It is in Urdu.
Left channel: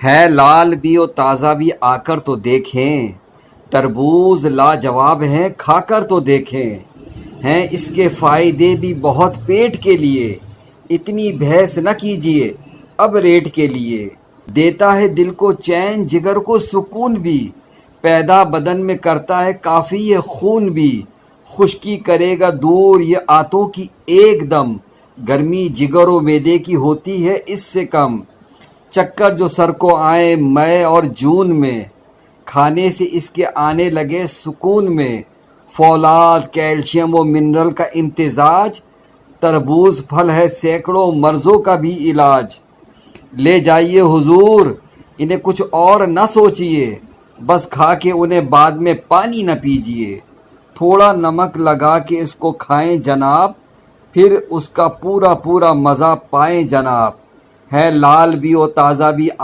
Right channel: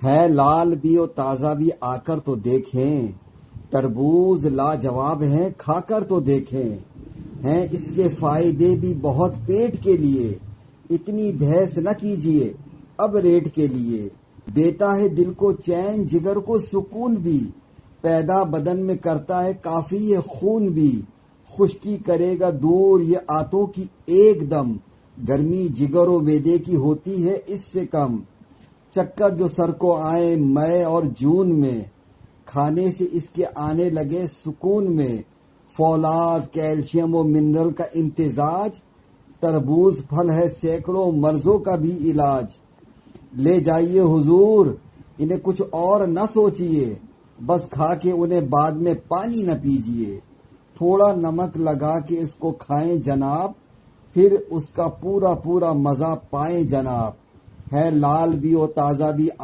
ہے لال بھی اور تازہ بھی، آ کر تو دیکھیں، تربوز لاجواب ہیں، کھا کر تو دیکھیں، ہیں اس کے فائدے بھی بہت پیٹ کے لیے، اتنی بحث نہ کیجیے اب ریٹ کے لیے، دیتا ہے دل کو چین جگر کو سکون بھی، پیدا بدن میں کرتا ہے کافی یہ خون بھی، خشکی کرے گا دور یہ آتوں کی ایک دم، گرمی جگر و معدے کی ہوتی ہے اس سے کم، چکر جو سر کو آئے مئی اور جون میں، کھانے سے اس کے آنے لگے سکون میں، فولاد کیلشیم و منرل کا امتزاج، تربوز پھل ہے سینکڑوں مرضوں کا بھی علاج، لے جائیے حضور انہیں کچھ اور نہ سوچیے، بس کھا کے انہیں بعد میں پانی نہ پیجیے، تھوڑا نمک لگا کے اس کو کھائیں جناب، پھر اس کا پورا پورا مزہ پائیں جناب، ہے لال بھی اور تازہ بھی